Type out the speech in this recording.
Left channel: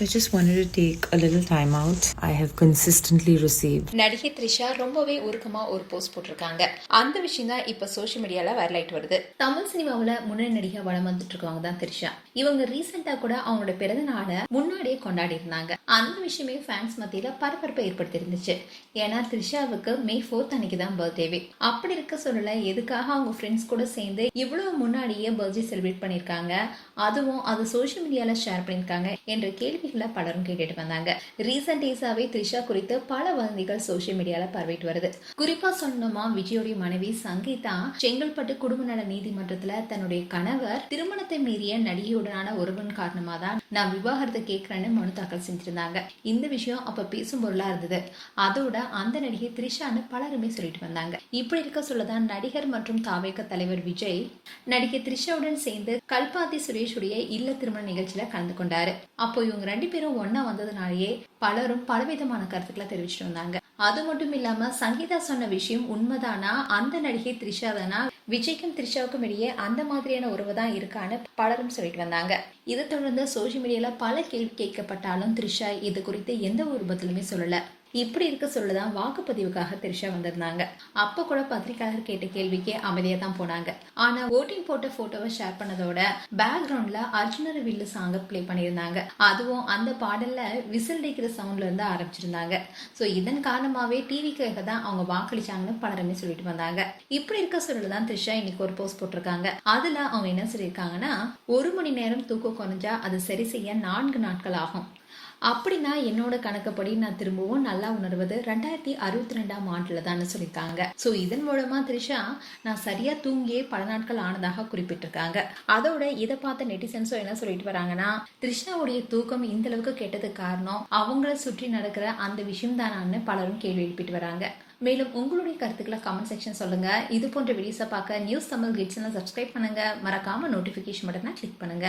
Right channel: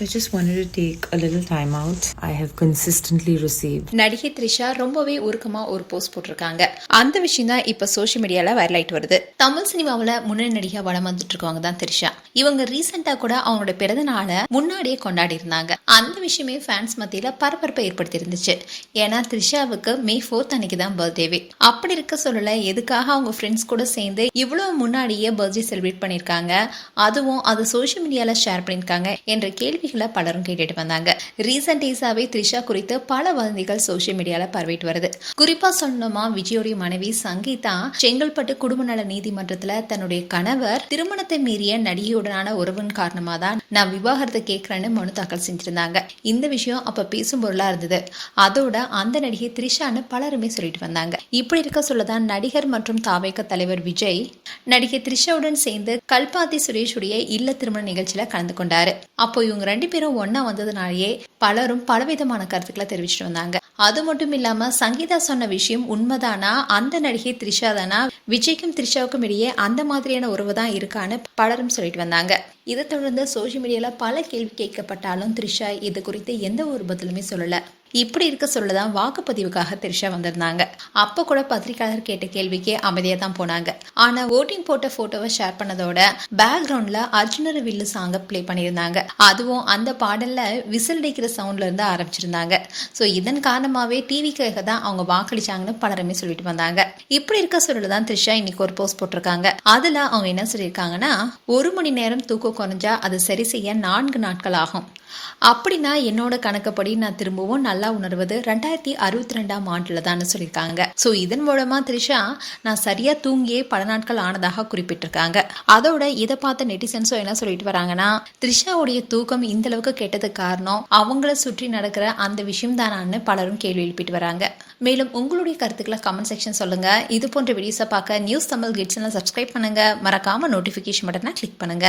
So I just wanted to take a little time out. I have consistently received. நடிகை த்ரிஷா ரொம்பவே உருக்கமா ஒரு post போட்டிருக்காங்க. அந்த விஷயம் தான் இப்ப சோஷியல் மீடியால வைரல் ஆயிட்டு வருது. தமிழ் சினிமாவுல முன்னணி நடிகை வளம் வந்துட்டு இருக்கவங்க தான் த்ரிஷா. இவங்க ரீசெண்டா கூட அவங்களோட பிறந்த நாளை முன்னாடியே கொண்டாடி இருந்தாங்க. அந்த விஷயமே ஃபேன்ஸ் மத்தியில பரபரப்பை ஏற்படுத்தி இருந்துச்சு. ஏன்னா த்ரிஷாவுக்கு May 4th அன்னைக்கு தான் பர்த்டேவே. அப்படி இருக்க சொல்லல எதுக்காக அவங்க ஃப்ரெண்ட்ஸ் கூட சேர்ந்து இவ்வளவு முன்னாடியே பர்த்டே செலிப்ரேட் பண்ணிருக்காங்க, அதுவும் அதை சோஷியல் மீடியால ஷேர் பண்ணிருக்காங்க என்ற கேள்விகளை பலரும் கேட்டுட்டு வந்தாங்க. ரீசெண்ட் டேஸாவே த்ரிஷா குறித்து பல வதந்திகள் சோஷியல் மீடியால பரவிட்டு வருது. குறிப்பா சொல்லணுமா, விஜயோடைய மனைவி சங்கீதா செங்கல்பட்டு குடும்ப நல நீதிமன்றத்துல தன்னுடைய கணவர் திருமணத்தை மீறிய நடிகையுடனான உறவின் காரணமா தான் நான் விவாகரத்தை கேட்கிறேன்னு மனு தாக்கல் செஞ்சிருந்தாங்க. இந்த விஷயம் அப்ப பேசும் பொருளா இருந்தது. அதோட அந்த நடிகை த்ரிஷான்னு பலருமே சொல்லிட்டு வந்தாங்க. இப்படி இருக்க சொல்லதான் நடிகர் மற்றும் தாவேக தலைவர் விஜய் நடிகை த்ரிஷாவுடன் சேர்ந்து கல்பாத்தி சுரேஷ் உடைய இல்ல திருமண நிகழ்ச்சியில கலந்து கொண்டாரு. அப்போ இவங்க 2 பேரும் ஒன்னா வந்ததுனாலேயே பலரும் பலவிதமான கருத்துக்களை தெரிவிச்சிட்டு வந்தாங்க. அது மட்டும் இல்லாம சங்கீதா சொன்ன விஷயம் உண்மைதானா, அந்த நடிகை த்ரிஷா தானா, விஜய்க்கும் த்ரிஷாவுக்கும் இடையே அந்த மாதிரியான உறவு தான் இருக்கான்னு பலரும் சொல்லிட்டு வந்தாங்க. இதை தொடர்ந்து சோஷியல் மீடியால பல கேள்வி கேட்கப்பட்டாலும் த்ரிஷா இது குறித்து எந்த ஒரு பதிலுமே சொல்லல. இப்படி இருக்க சொல்லதான் வாக்குப்பதிவுக்காக த்ரிஷா வந்திருந்தாங்க. அப்ப கூட பத்திரிகையாளர் கேட்ட கேள்விக்கே அமைதியா தான் போனாங்க. ஆனா ஓட்டிங் போட்ட போட்டோவை ஷேர் பண்ணதோட பேக்ரவுண்ட்ல அர்ஜுனர் வில்லு சாங்க பிளே பண்ணியிருந்தாங்க. அதுவும் அந்த பாடல்ல விசில் அடிக்கிற சவுண்ட்ல இருந்து ஆரம்பிச்சிருந்தாங்க. ஸோ இதன் காரணமாவே டிவிக்காக தான் அவங்க வாக்களிச்சாங்கன்னு பலருமே சொல்லிட்டு வந்தாங்க. இப்படி இருக்க சொல்லதான் த்ரிஷா இன்னைக்கு ஒரு போஸ்ட் போட்டிருக்காங்க. அதுல அவங்க என்ன சொல்லியிருக்காங்கன்னா, 1 மணி நேரம் தூக்கம் குறைஞ்சா அது சரி செய்ய 4 நாட்கள் ஆகும். அப்படின்னா என்னோட கணக்குப்படி நான் திரும்பவும் நல்லா உணர்வது 2062ஆம் ஆண்டுல தான் சொல்லியிருக்காங்க. ஸோ இதன் மூலமா த்ரிஷா நான் சரியா தூங்கியே பல நாட்கள் ஆனதாக குறிப்பிட்டிருக்காங்க. அதோட இதை பார்த்த நெட்டிசன்ஸும் என்ன சொல்லிட்டு வராங்கன்னா, த்ரிஷாவுடைய தூக்கம் இந்த அளவுக்கு கெட்டதுக்கு காரணம் அவங்கள சுற்றி நடக்கிற அந்த விஷயம் தானான்னு பலரும் கேள்வி எழுப்பிட்டு வராங்க. மேலும் உங்களுடைய கருத்துக்களை கமெண்ட் செக்ஷன் சொல்லுங்க. இது போன்ற வீடியோஸை பார்க்க நியூஸ் தமிழ் கிட்ஸ் சப்ஸ்கிரைப் பண்ணுங்க. மறக்காம நோட்டிபிகேஷன் பட்டனை கிளிக் பண்ணுங்க.